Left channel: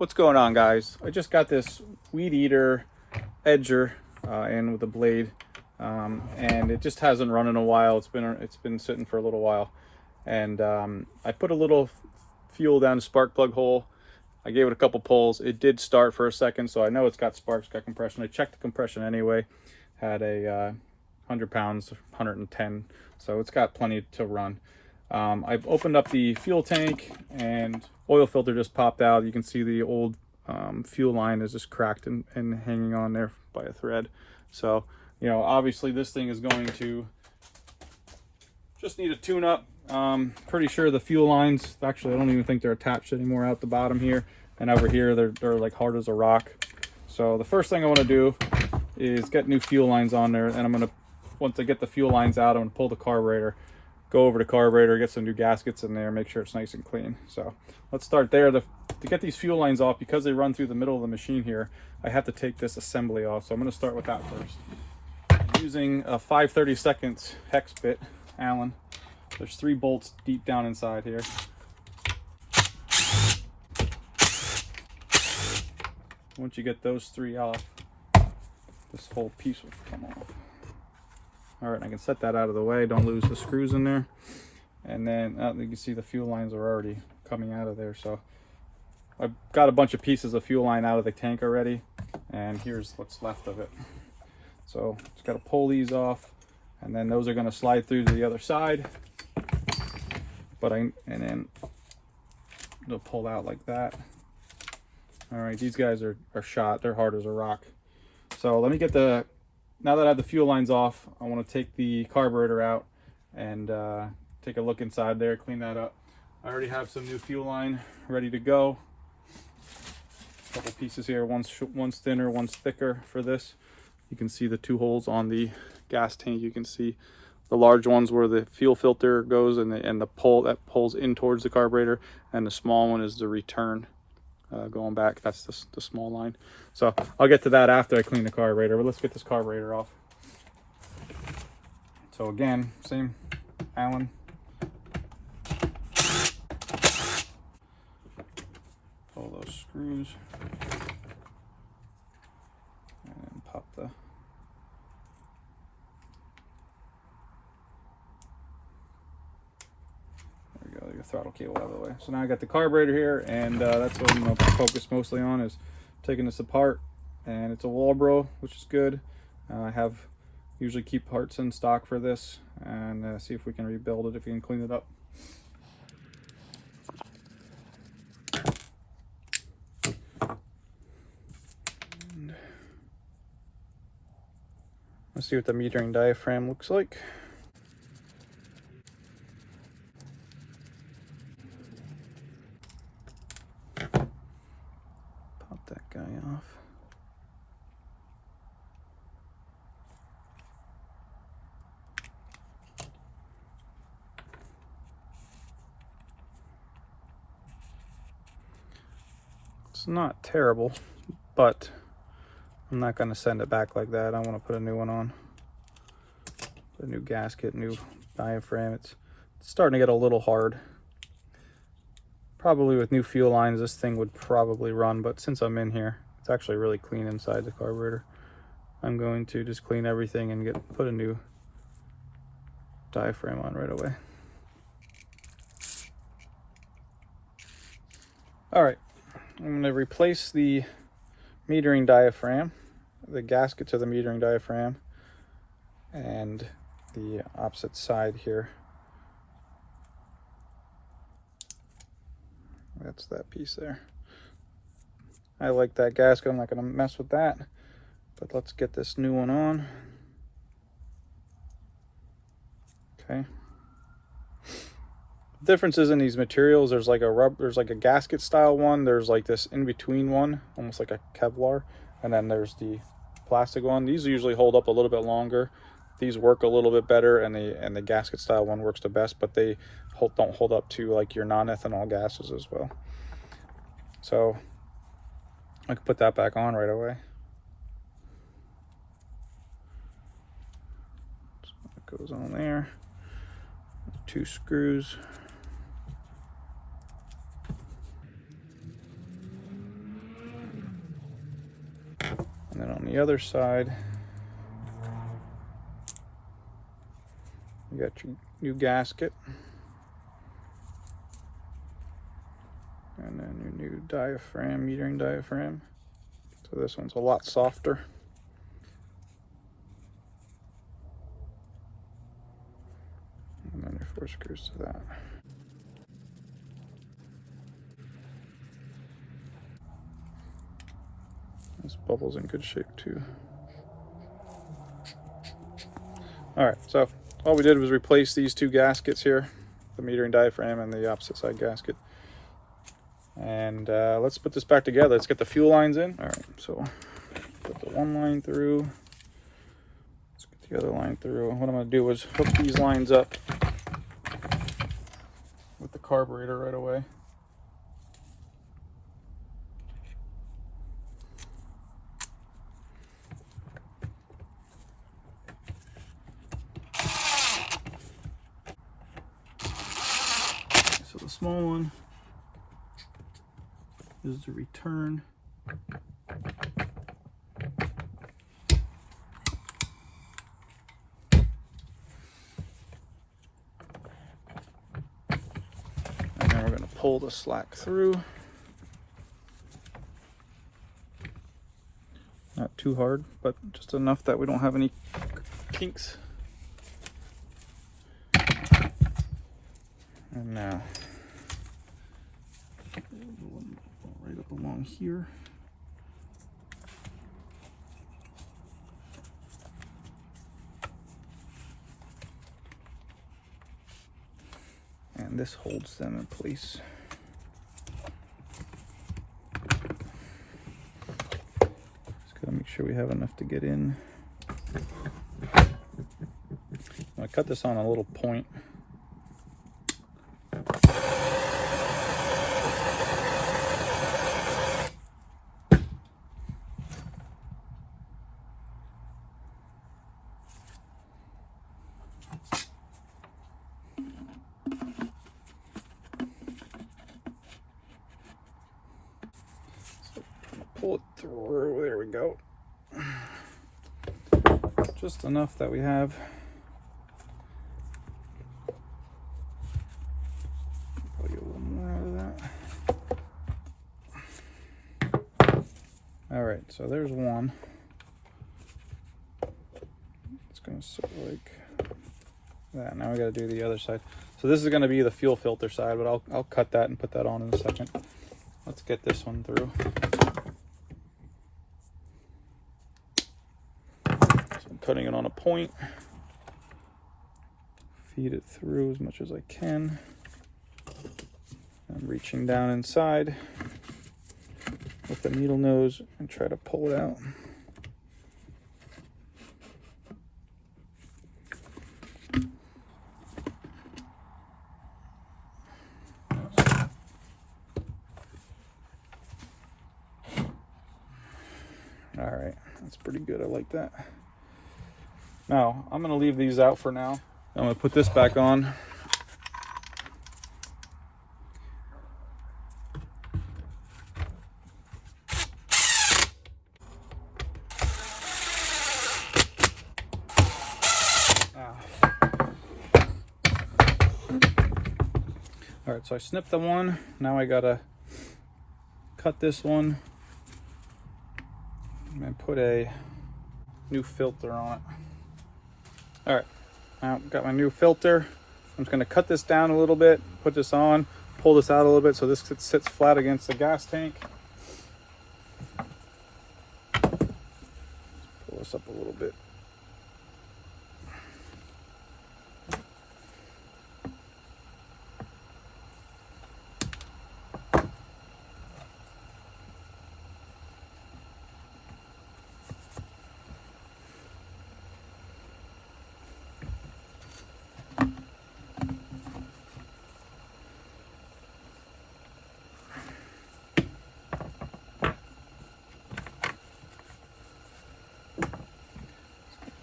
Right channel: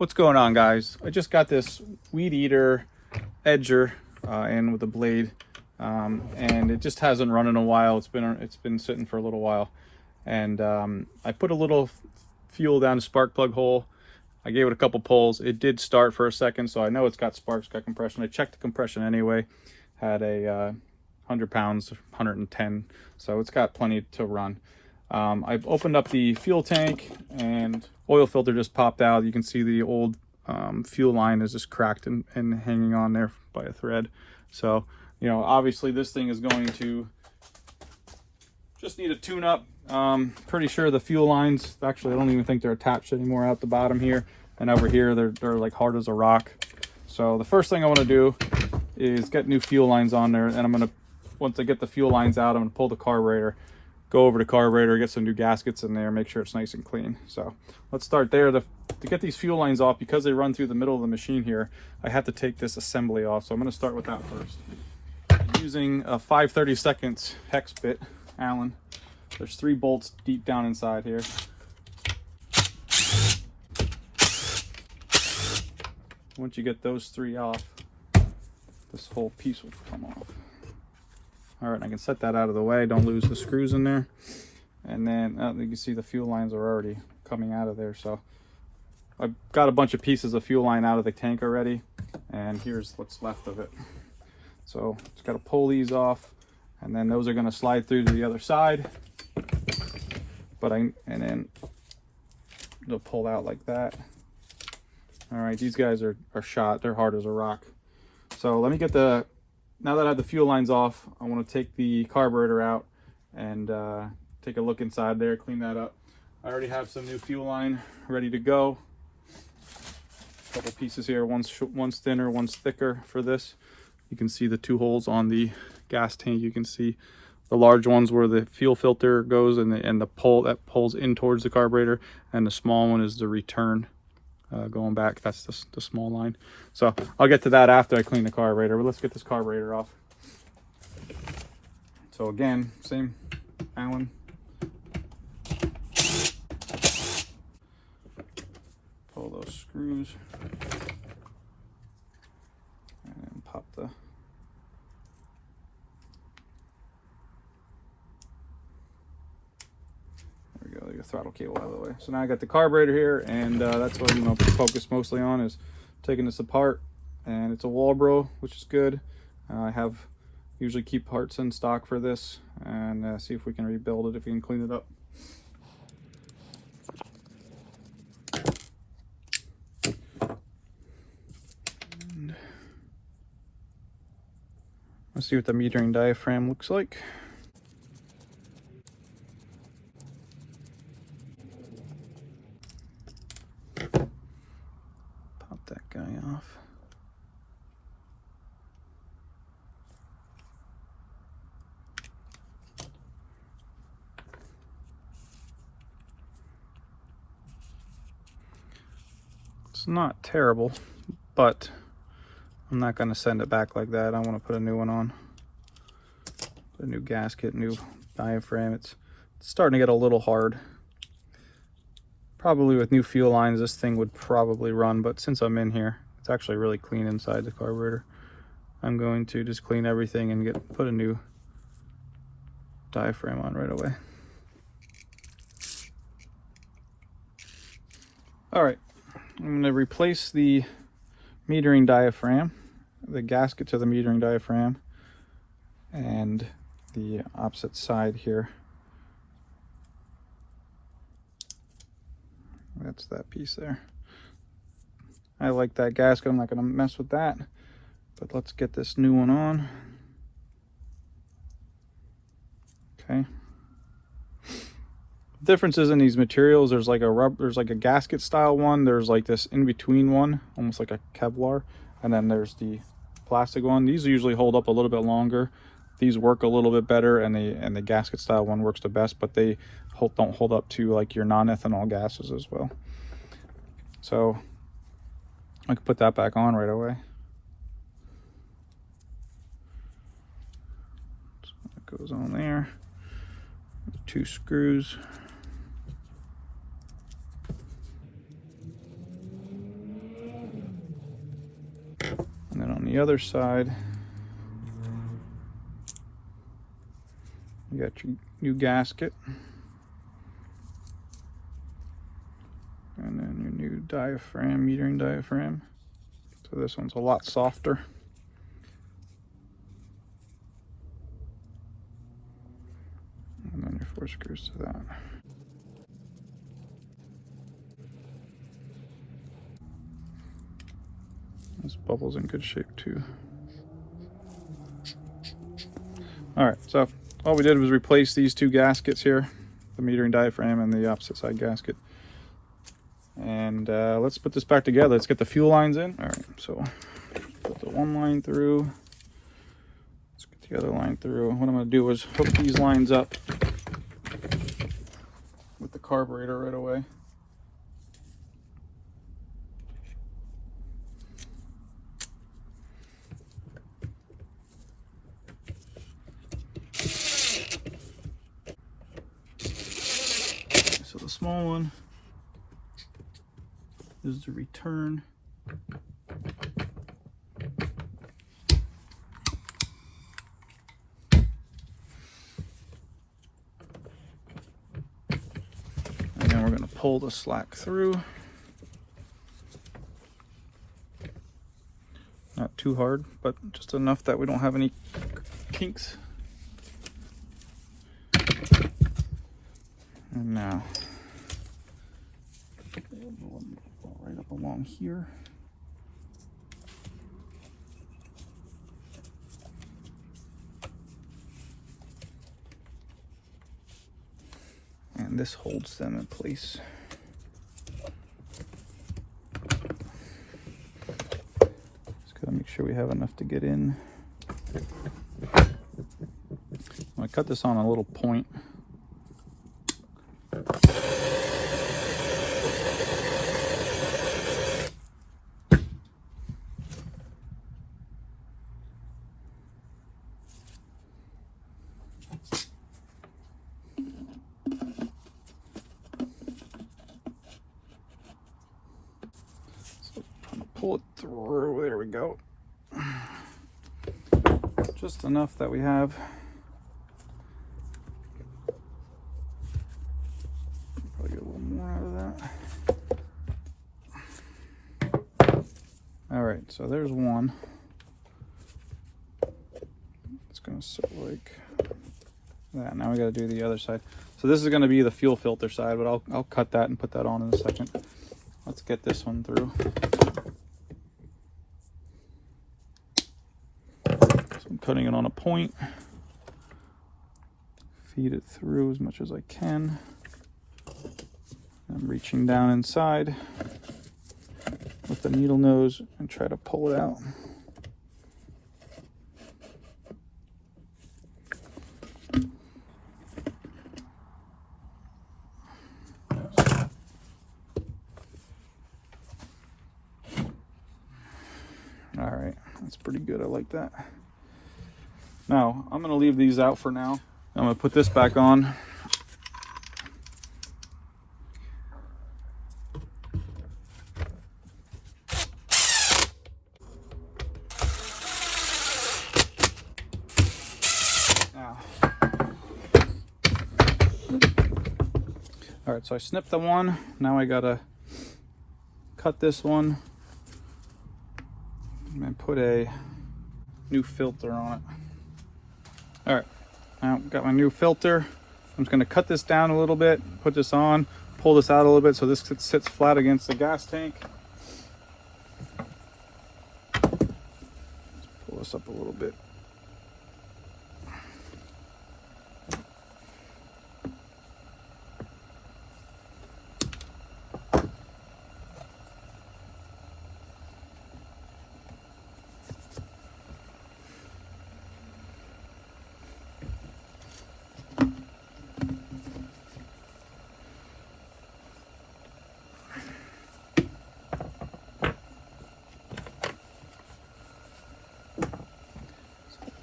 What's going on, guys? I just got this Weedeater edger in with a blade, and it just hasn't run in a while. It's been sitting for a little while, and I put a little fuel down the spark plug hole. I gave it a couple pulls. It did start for a second, so I know it's got sparks, got compression. I checked the compression anyway. Had a 100 pounds, 110, so it's got plenty to run. I've opened up the fuel tank and oil filter just popped out. You can see the old fuel line is just cracked and hanging on there by a thread. So, you know, obviously this thing is going to just need a tune up. Pretty sure the fuel lines, actually I don't even think they're attached anymore out the bottom here. And over here, they're like hard as a rock. So the first thing I want to do is get new fuel lines on there. And I'm going to, once I get the fuel lines out, I'm going to pull the carburetor, go over to carburetor, get some new gaskets in there, make sure it's nice and clean. So let's start there. To get these fuel lines off, because they run through the middle of the machine here, I have to take this assembly off. So I'm going to start with that first. I'm using a 5/32 hex bit, Allen. There's 3 bolts deep down inside here. Once you get those 3 off, this whole piece will come off. All right, I can set that out of the way. Don't lose the screws in there. And then you can see the fuel lines are already coming out of there. So I've got a bunch of pieces of fuel line out of the tank already. And here's what's left of it. So just got to pull these off. And then those are going to slide through to the other side. And then they'll pull out like that. All right, these guys are shot. They're hard as a rock. So let me get now that I have the fuel lines off, I want to take the carburetor out and take a look inside there, clean that up. I already have some new fuel line ready to go. A couple pieces here, one's thinner, one's thicker for this. You can see the 2 holes on the gas tank. You can see the large ones where the fuel filter goes and the pole that pulls in towards the carburetor, and the small one is the return. Going back, that's the small line. So I'll get to that after I clean the carburetor, but let's get this carburetor off. So again, same Allen. Pull those screws and pop the the throttle cable out of the way. So now I got the carburetor here, and that's what I'm going to focus mostly on, is taking this apart. And it's a Walbro, which is good. I usually keep parts in stock for this, and see if we can rebuild it, if we can clean it up. Let's see what the metering diaphragm looks like. Off. It's not terrible, but I'm not going to send it back like that. I want to put a new one on. A new gasket, new diaphragm. It's starting to get a little hard. Probably with new fuel lines, this thing would probably run, but since I'm in here, it's actually really clean inside the carburetor. I'm going to just clean everything and put a new diaphragm on right away. All right, I'm going to replace the metering diaphragm, the gasket to the metering diaphragm, and the opposite side here. That's that piece there. I like that gasket. I'm not going to mess with that. But let's get this new one on. Okay. Differences in these materials. There's like a gasket style one. There's like this in between one, almost like a Kevlar, and then there's the plastic one. These usually hold up a little bit longer. These work a little bit better, and the gasket style one works the best, but they don't hold up to like your non-ethanol gases as well. So I can put that back on right away. So it goes on there. 2 screws. the other side, you got your new gasket. And then your new diaphragm, metering diaphragm. So this one's a lot softer. And then your 4 screws to that. This bubble's in good shape too. All right, so all we did was replace these 2 gaskets here, the metering diaphragm and the opposite side gasket. And let's put this back together. Let's get the fuel lines in. All right, so put the one line through. Let's get the other line through. What I'm going to do is hook these lines up with the carburetor right away. So the small one is the return. And then we're going to pull the slack through. Not too hard, but just enough that we don't have any kinks. And now right up along here. And this holds them in place. Just gotta make sure we have enough to get in. I'm gonna cut this on a little point. Pull it through. There we go. Just enough that we have. Probably get a little more out of that. All right, so there's one. It's gonna sit like that. Now we got to do the other side. So this is going to be the fuel filter side, but I'll cut that and put that on in a second. Let's get this one through. So I'm cutting it on a point. Feed it through as much as I can. I'm reaching down inside with the needle nose and try to pull it out. All right, that's pretty good. I like that. Now, I'm going to leave these out for now. I'm going to put this back on. All right, so I snipped the one. Now I got to cut this one and put a new filter on it. All right, now I've got my new filter. I'm just going to cut this down a little bit, put this on, pull this out a little bit so this sits flat against the gas tank. Pull this up a little bit.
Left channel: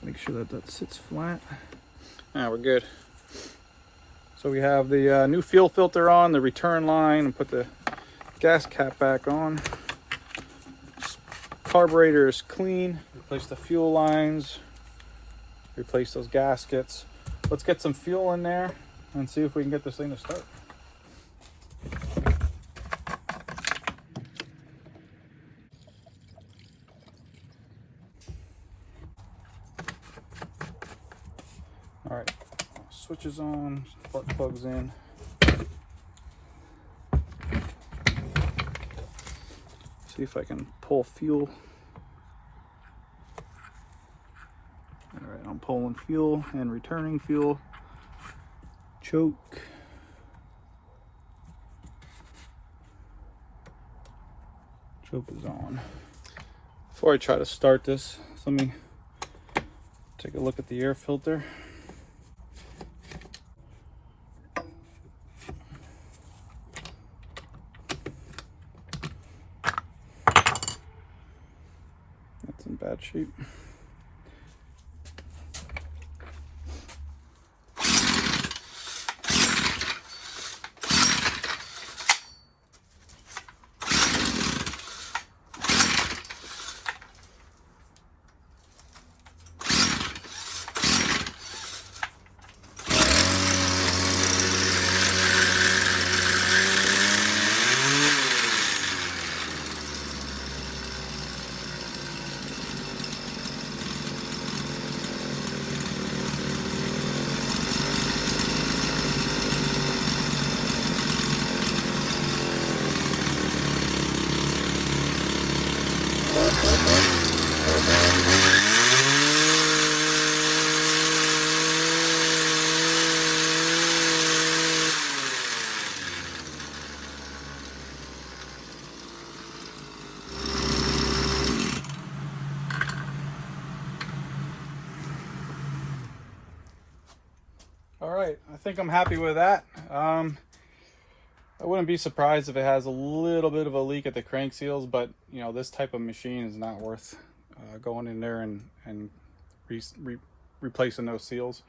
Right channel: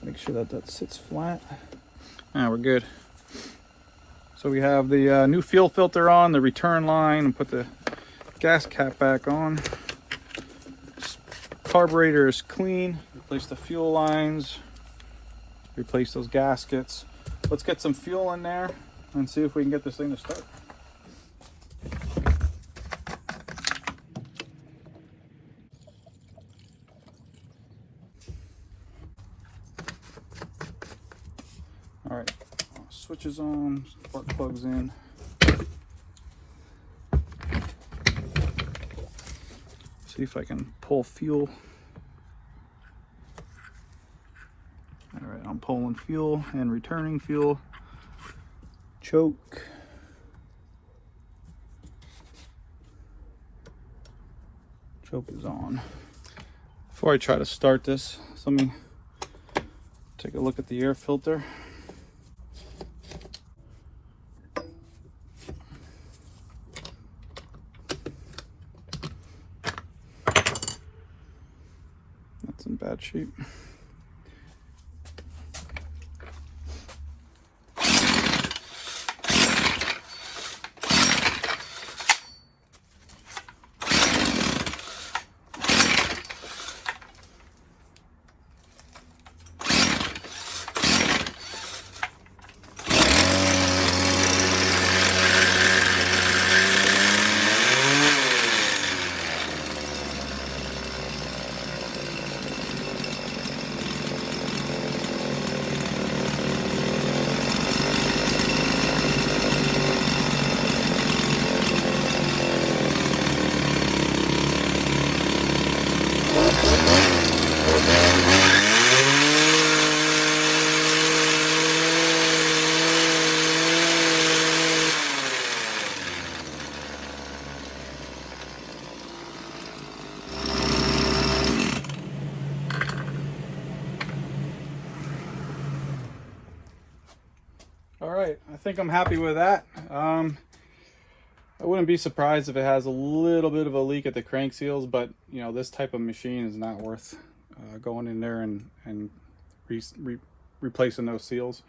Make sure that that sits flat. Now we're good. So we have the new fuel filter on, the return line, and put the gas cap back on. Just Carburetor is clean. Replace the fuel lines, replace those gaskets. Let's get some fuel in there and see if we can get this thing to start. All right, switch is on, spark plugs in. See if I can pull fuel. All right, I'm pulling fuel and returning fuel. Choke. Choke is on. Before I try to start this, let me take a look at the air filter. That's in bad shape. All right, I think I'm happy with that. I wouldn't be surprised if it has a little bit of a leak at the crank seals, but you know, this type of machine is not worth going in there and replacing those seals.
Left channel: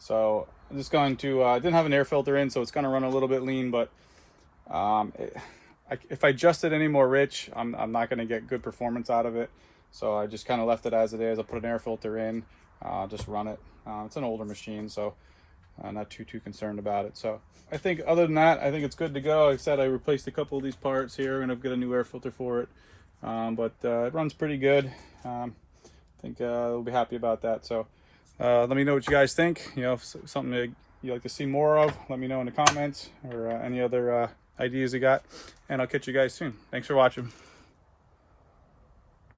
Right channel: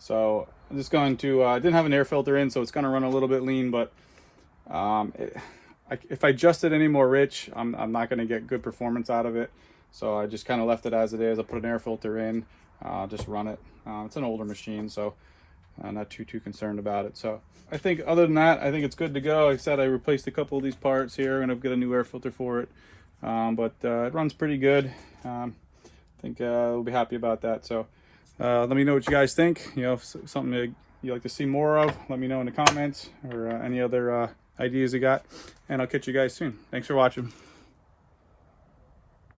So I'm just going to, I didn't have an air filter in, so it's going to run a little bit lean, but if I adjust it any more rich, I'm not going to get good performance out of it. So I just kind of left it as it is. I put an air filter in, just run it. It's an older machine, so I'm not too concerned about it. So I think other than that, I think it's good to go. Like I said, I replaced a couple of these parts here and I've got a new air filter for it. But it runs pretty good. I think we'll be happy about that. So let me know what you guys think. You know, if something that you'd like to see more of, let me know in the comments, or any other ideas you got. And I'll catch you guys soon. Thanks for watching.